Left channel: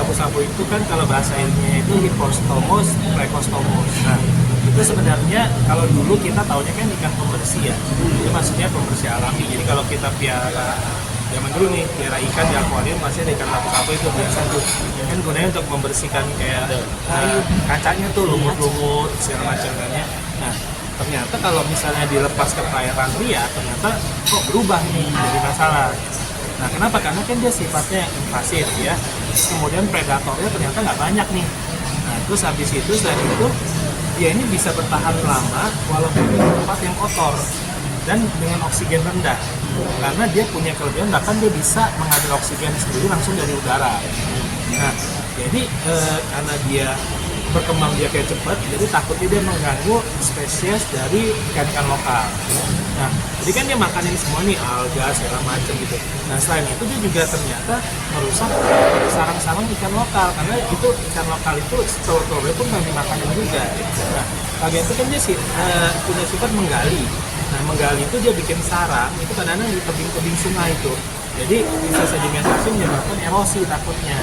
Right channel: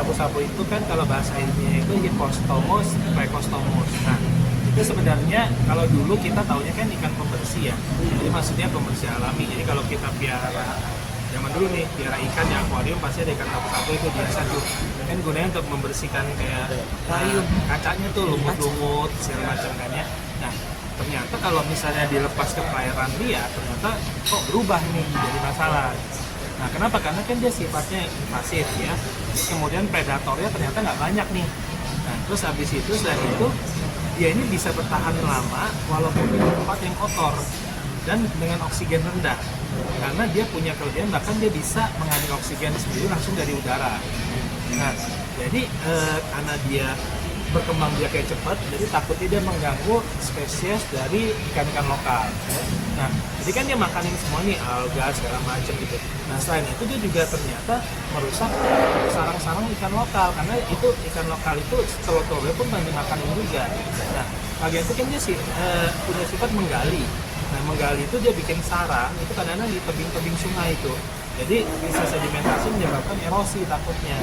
sapu-sapu itu kan kalau bahasa ilmiahnya itu Hippostomus precostomus. Nah, itu sebenarnya kalau dulu kita taunya kan ikan pembersih ya. Jadi maksudnya pembersih alami. Jadi kalau kita piara zaman dulu nih, piara ikan di akuarium pasti ada ikan sapu-sapu itu biasa tuh. Kan gunanya untuk membersihkan kayak kacanya tuh, lumut-lumut segala macamnya. Nah, ternyata kalau misalnya dilepas ke perairan liar, ternyata kok berubah nih, jadi masalah. Nah, kenapa? Karena kan dia sifatnya invasif ya. Terus kemudian predatornya ternyata nggak banyak nih. Nah, terus habis itu selain itu dia ini bisa bertahan lama walaupun di tempat yang kotor dan dengan oksigen rendah. Karena dia punya kelebihan bahkan dia bisa mengambil oksigen sendiri langsung dari udara. Nah, jadi karena dia berkembang biaknya cepat, jadi takutnya dia mengganggu spesies dari ikan-ikan lokal. Nah, jadi kan dia makanin semua nih, alga segala macam gitu. Nah, selain itu dia juga ternyata merusak sarang-sarang ikan lokal, karena itu ikan lokal itu telur-telurnya pun nggak dimakanin juga. Nah, bagian itu kan dia punya sifat menggali. Nah, menggali itu dia bikin sarang, itu kadang-kadang di tebing-tebing sungai itu. Jadi bisa sedimentasi menyebabkan erosi takutnya.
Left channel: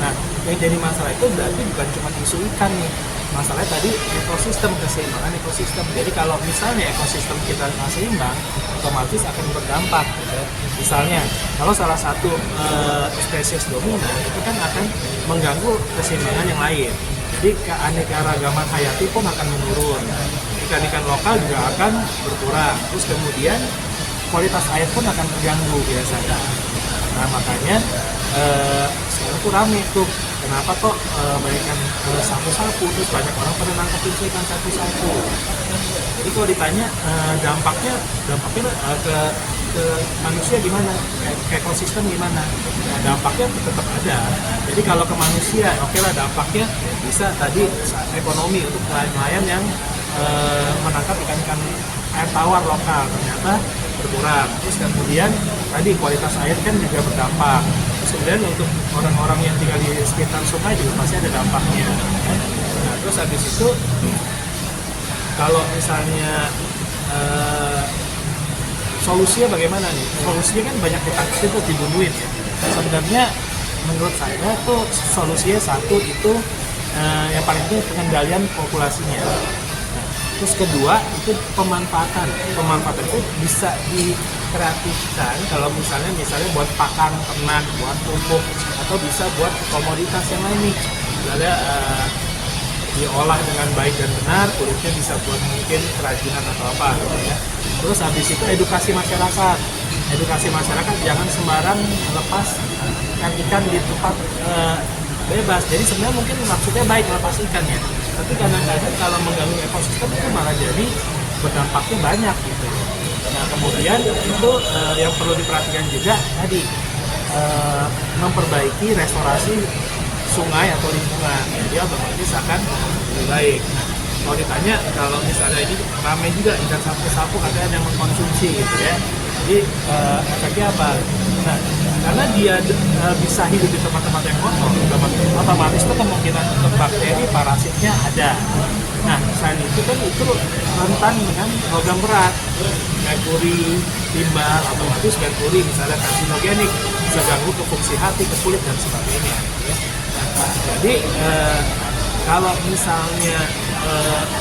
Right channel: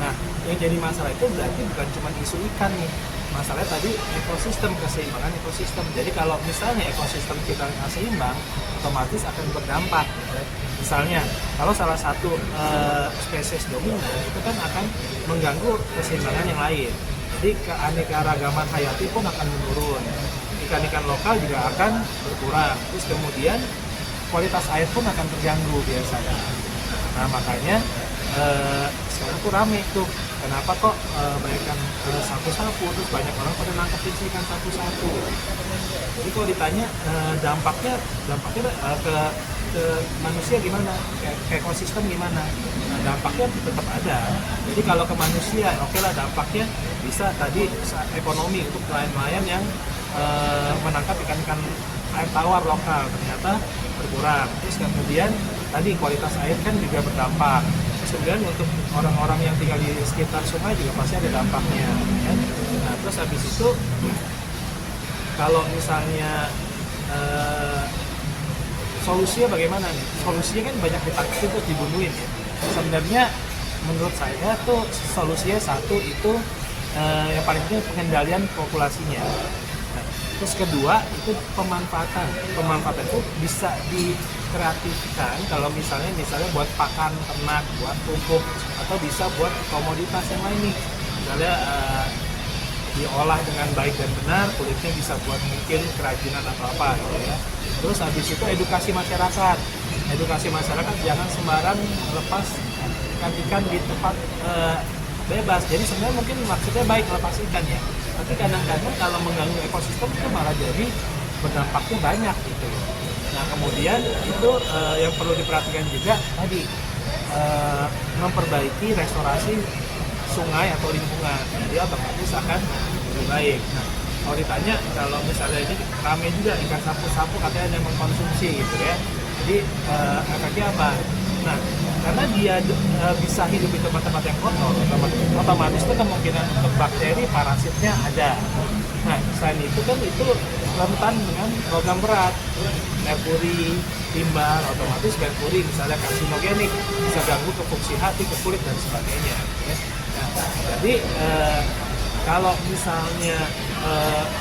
Nah, yang jadi masalah itu berarti bukan cuma isu ikan nih. Masalahnya tadi ekosistem, keseimbangan ekosistem. Jadi kalau misalnya ekosistem kita nggak seimbang, otomatis akan berdampak. Misalnya, kalau salah satu spesies dominan itu kan akan mengganggu keseimbangan yang lain. Jadi keanekaragaman hayati pun akan menurun. Ikan-ikan lokal juga akan berkurang. Terus kemudian kualitas air pun akan terganggu biasanya. Nah, makanya sekarang tuh rame tuh. Kenapa kok banyak ikan sapu-sapu, terus banyak orang pada nangkepin ikan sapu-sapu. Jadi kalau ditanya dampaknya ke manusia gimana, ke ekosistem gimana? Nah, dampaknya tetap ada. Jadi kalau ke manusia, oke lah dampaknya bisa tadi ekonomi untuk nelayan-nelayan yang menangkap ikan-ikan air tawar lokal ternyata berkurang. Terus kemudian tadi kualitas air kan juga berdampak. Terus kemudian untuk orang-orang yang tinggal di sekitar sungai juga pasti ada dampaknya. Nah, terus habis itu kalau misalnya solusinya bagaimana nih? Solusinya kan banyak ditangkap itu dibunuhin ya. Sebenarnya menurut saya tuh solusinya satu itu yang paling penting pengendalian populasinya. Terus kedua itu pemanfaatan itu bisa dikreatifkan kalau misalnya buat pakan ternak, buat pupuk, atau bisa buat komoditas yang lain nih. Misalnya diolah dengan baik dan benar, kulitnya bisa buat mungkin kerajinan atau apa gitu ya. Terus habis itu edukasi masyarakat jangan sembarang lepas ikan di tempat bebas. Jadi sebenarnya mungkin maksudnya baik lepas ikan ya, tapi kadang-kadang kalau mengganggu ekosistem itu malah jadi berdampaknya banyak gitu. Nah, kemudian itu yang perlu diperhatikan juga tadi memperbaiki restorasi sungai atau lingkungan, jadi otomatis akan lebih baik. Nah, kalau ditanya kalau misalnya ini ramai juga ikan sapu-sapu ada yang mengkonsumsi gitu ya, jadi efeknya apa? Nah, karena dia bisa hidup di tempat-tempat yang kotor, otomatis itu kemungkinan bakteri parasitnya ada. Nah, selain itu kan itu rentan dengan logam berat, merkuri, limbah, otomatis merkuri misalnya karsinogenik, bisa ganggu ke fungsi hati, ke kulit dan sebagainya. Nah, jadi kalau misalnya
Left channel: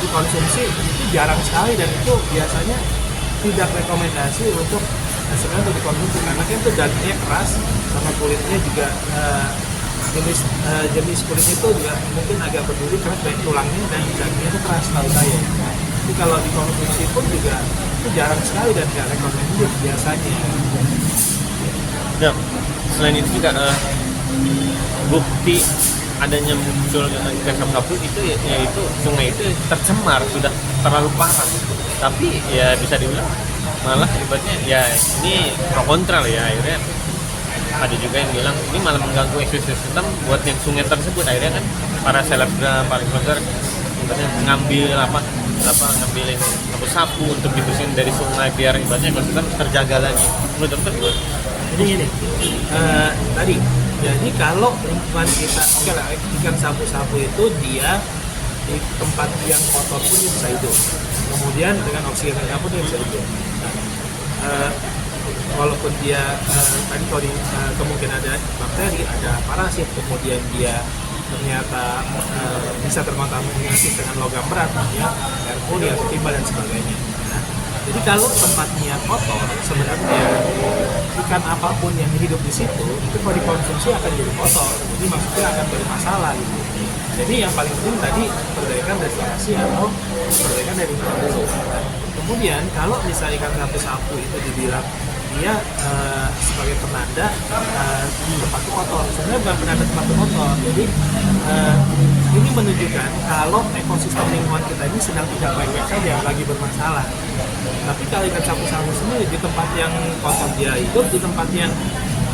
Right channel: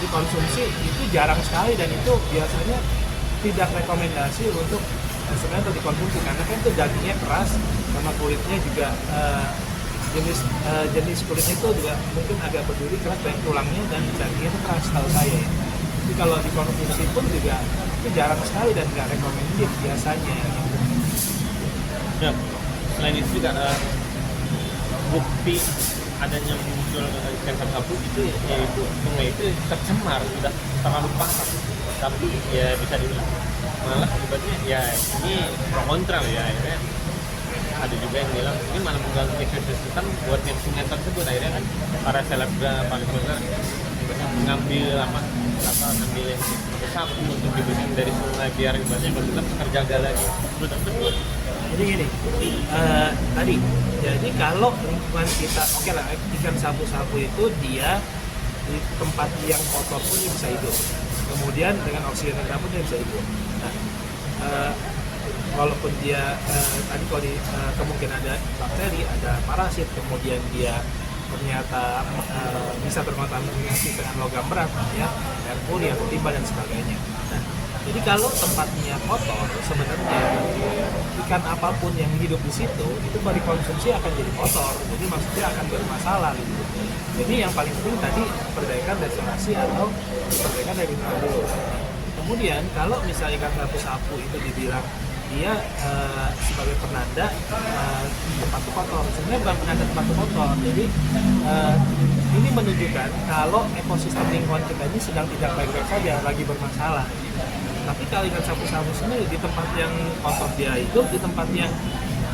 dikonsumsi itu jarang sekali dan itu biasanya tidak rekomendasi untuk sebenarnya dikonsumsi karena kan itu dagingnya keras sama kulitnya juga jenis kulit itu juga mungkin agak berduri karena kayak tulangnya dan dagingnya itu keras tahu saya. Jadi kalau dikonsumsi pun juga itu jarang sekali dan tidak rekomendasi biasanya. Dan selain itu juga bukti adanya muncul ikan sapu-sapu itu yaitu sungai itu tercemar sudah terlalu parah. Tapi ya bisa dibilang malah akibatnya ya ini pro kontra lah ya, akhirnya ada juga yang bilang ini malah mengganggu ekosistem buat yang sungai tersebut. Akhirnya kan para selebgram, para influencer ngambil ngambilin sapu-sapu untuk dibersihin dari sungai biar ibaratnya ekosistem terjaga lagi. Menurut dokter gimana? Jadi gini, tadi jadi kalau lingkungan kita oke lah, ikan sapu-sapu itu dia di tempat yang kotor pun dia bisa hidup, kemudian dengan oksigen rendah pun dia bisa hidup. Walaupun dia tadi kalau di kemungkinan ada bakteri, ada parasit, kemudian dia ternyata bisa terkontaminasi dengan logam berat, ya, merkuri atau timbal dan sebagainya. Jadi kalau tempatnya kotor, sebenarnya ikan apapun yang hidup di situ itu kalau dikonsumsi akan jadi kotor, jadi maksudnya akan bermasalah gitu. Jadi yang paling penting tadi perbaikan restorasi atau perbaikan dari produksi. Kemudian kalau misalnya ikan sapu-sapu itu dibilang dia sebagai penanda tempat kotor, sebenarnya bukan penanda tempat kotor. Jadi ini menunjukkan kalau ekosistem lingkungan kita ini sedang tidak baik-baik saja, lagi bermasalah. Tapi kalau ikan sapu-sapu sendiri di tempat yang kotor dia hidup, di tempat yang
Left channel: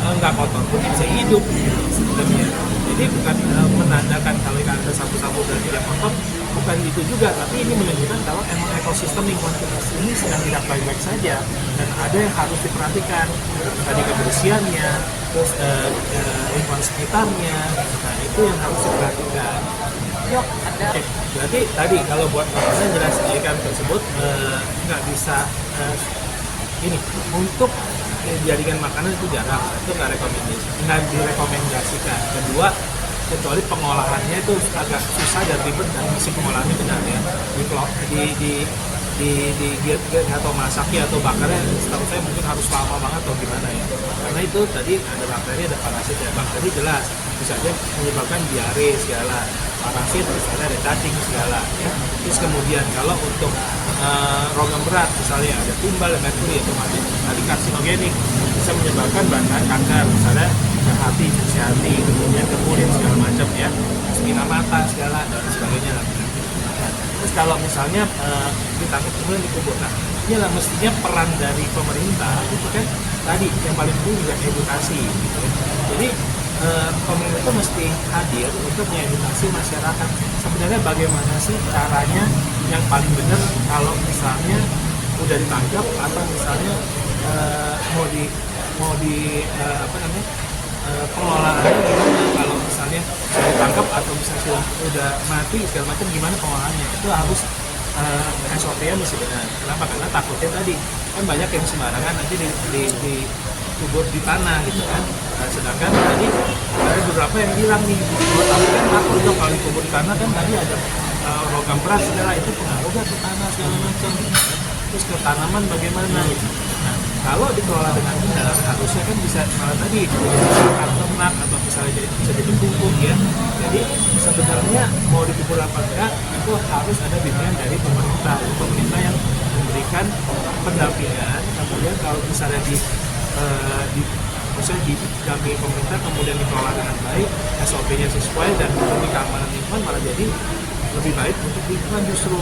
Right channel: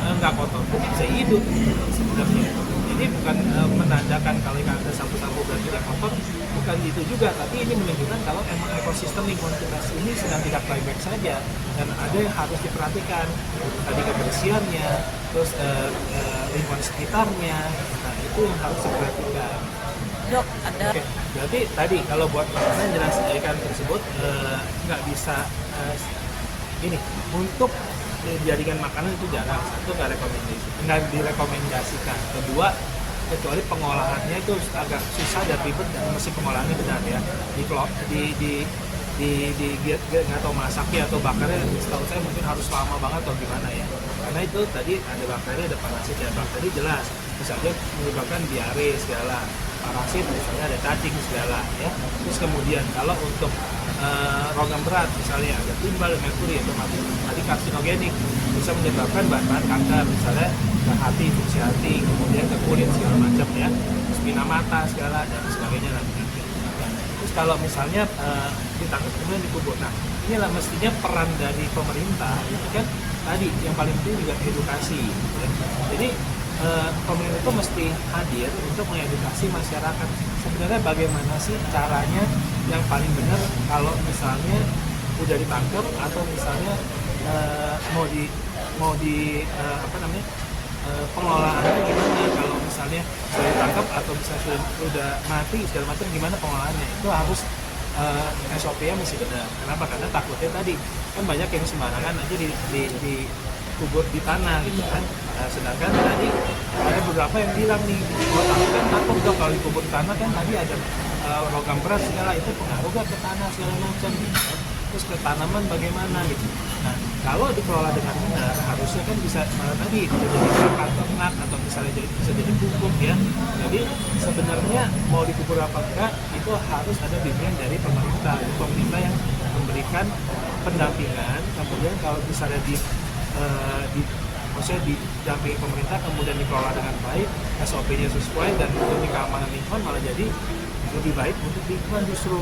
nggak kotor pun bisa hidup sebenarnya. Jadi bukan menandakan kalau ikan sapu-sapu tidak kotor, bukan itu juga, tapi ini menunjukkan kalau emang ekosistem lingkungan kita ini sedang tidak baik-baik saja dan ada yang harus diperhatikan, tadi kebersihannya, terus lingkungan sekitarnya, nah itu yang harus diperhatikan. Dok, ada. Berarti tadi kalau buat makanan jelas ikan tersebut nggak bisa ini untuk dijadikan makanan itu jarang, itu nggak direkomendasikan. Kedua, kecuali pengolahannya itu agak susah dan ribet dan mesin pengolahannya tidak ya di atau masaknya atau bakarnya setahu saya mungkin harus lama banget atau gimana ya, karena itu tadi ada bakteri, ada parasit, dan bakteri jelas misalnya menyebabkan diare segala, parasit misalnya ada cacing segala ya. Terus kemudian kalau untuk rogam berat misalnya ada timbal dan merkuri atau tadi karsinogenik bisa menyebabkan bahan kanker misalnya hati, fungsi hati, kemudian ke kulit segala macam ya, setengah mata segala dan sebagainya lah. Terus kalau misalnya ditangkap kemudian dikubur, nah inilah mestinya peran dari pemerintah itu kan tadi yang paling penting juga edukasi. Jadi pemerintah mesti hadir untuk mengedukasi masyarakat sebenarnya bagaimana sih caranya yang paling benar kalau misalnya udah ditangkap atau misalnya mau di pengelolaannya gimana, kalau misalnya sudah ditangkap atau misalnya sudah mati segala macam gimana pengolahannya, itu harus SOP-nya mesti benar. Kenapa? Karena takutnya tadi kan banyak yang sembarangan nanti di kubur di tanah gitu kan. Nah, sedangkan tadi ada beberapa yang bilang nih, takut dong kalau dikubur di tanah kan tadi ada logam berat segala, itu pengaruh ke tanah segala macam, terus ke tanaman bagaimana gitu. Nah, kalau dikelola dengan benar harusnya kan bisa malah tadi makan ternak atau misalnya bisa jadi pupuk ya. Jadi sebenarnya mau dikubur apa enggak itu harus ada bimbingan dari pemerintah yang memberikan pendampingan. Kemudian kalau misalnya maksudnya didampingi pemerintah kemudian dikelola dengan baik, SOP-nya sesuai dan demi keamanan lingkungan malah jadi lebih baik untuk lingkungan justru.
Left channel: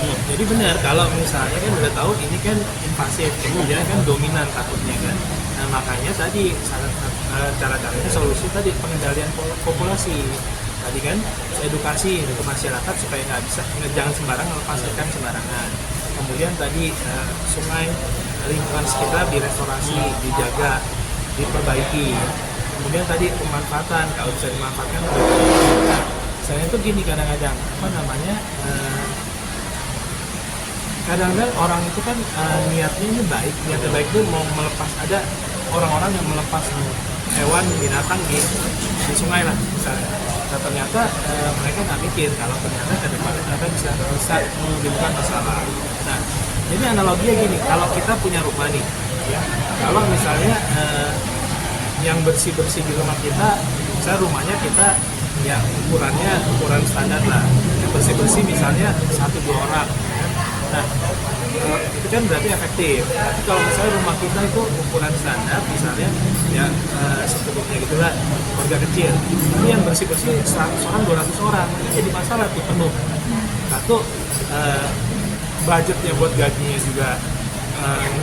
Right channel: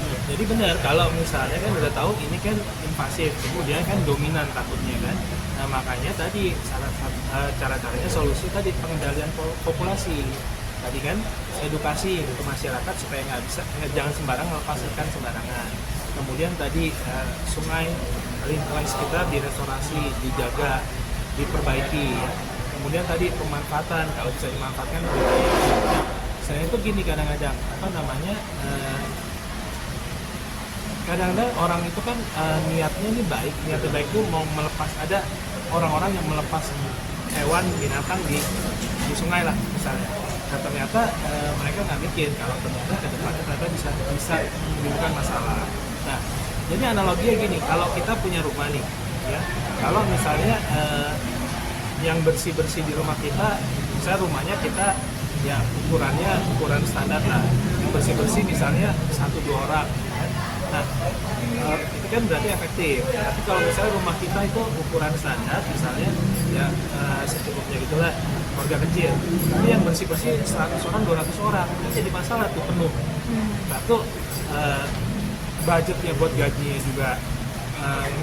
Jadi benar kalau misalnya kan udah tahu ini kan invasif, ya kan dominan takutnya kan. Nah makanya tadi cara-caranya solusi tadi pengendalian populasi. Tadi kan edukasi ke masyarakat supaya jangan sembarangan lepas ikan sembarangan. Kemudian tadi sungai lingkungan sekitar direstorasi, dijaga, diperbaiki. Kemudian tadi pemanfaatan, kalau bisa dimanfaatkan. Saya itu gini kadang-kadang kadang-kadang orang itu kan niatnya ini baik itu mau melepas, ada orang-orang yang melepas hewan binatang di sungai lah misalnya. Nah ternyata mereka nggak mikir kalau ternyata ke depan mereka bisa menimbulkan masalah. Nah jadi analoginya gini, kalau kita punya rumah nih ya, kalau misalnya yang bersih-bersih di rumah kita, misalnya rumahnya kita ya ukuran standar lah, yang bersih-bersih misalnya 1-2 orang. Nah, itu kan berarti efektif. Tapi kalau misalnya rumah kita itu ukuran standar, misalnya ya secukupnya gitulah, keluarga kecil. Ini yang bersih-bersih 100 orang, 200 orang, jadi masalah tuh penuh. Satu, budgetnya buat gajinya juga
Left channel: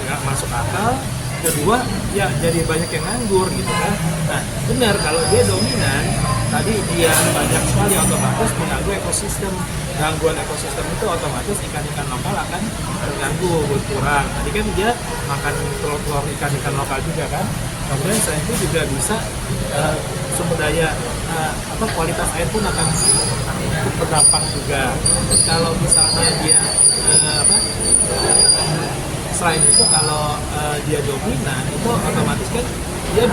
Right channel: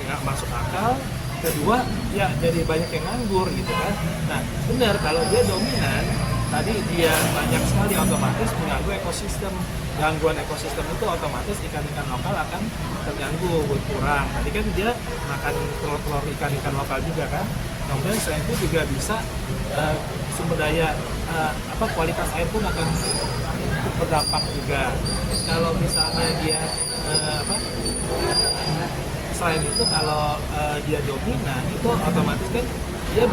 nggak masuk akal. Kedua, ya jadi banyak yang nganggur gitu kan. Nah, benar kalau dia dominan, tadi dia banyak sekali otomatis mengganggu ekosistem. Gangguan ekosistem itu otomatis ikan-ikan lokal akan terganggu, berkurang. Jadi kan dia makan telur-telur ikan-ikan lokal juga kan. Kemudian selain itu juga bisa sumber daya kualitas air pun akan berdampak juga. Kalau misalnya dia selain itu kalau dia dominan itu otomatis kan dia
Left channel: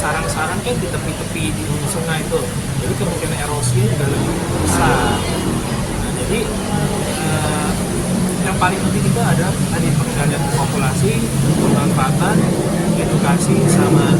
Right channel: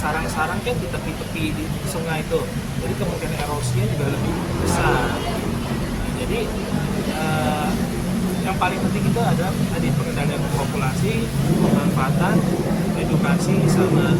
sarang-sarang kan di tepi-tepi di sungai itu, jadi kemungkinan erosinya juga lebih besar. Nah, jadi yang paling penting itu adalah tadi pengendalian populasi, pemanfaatan, edukasi sama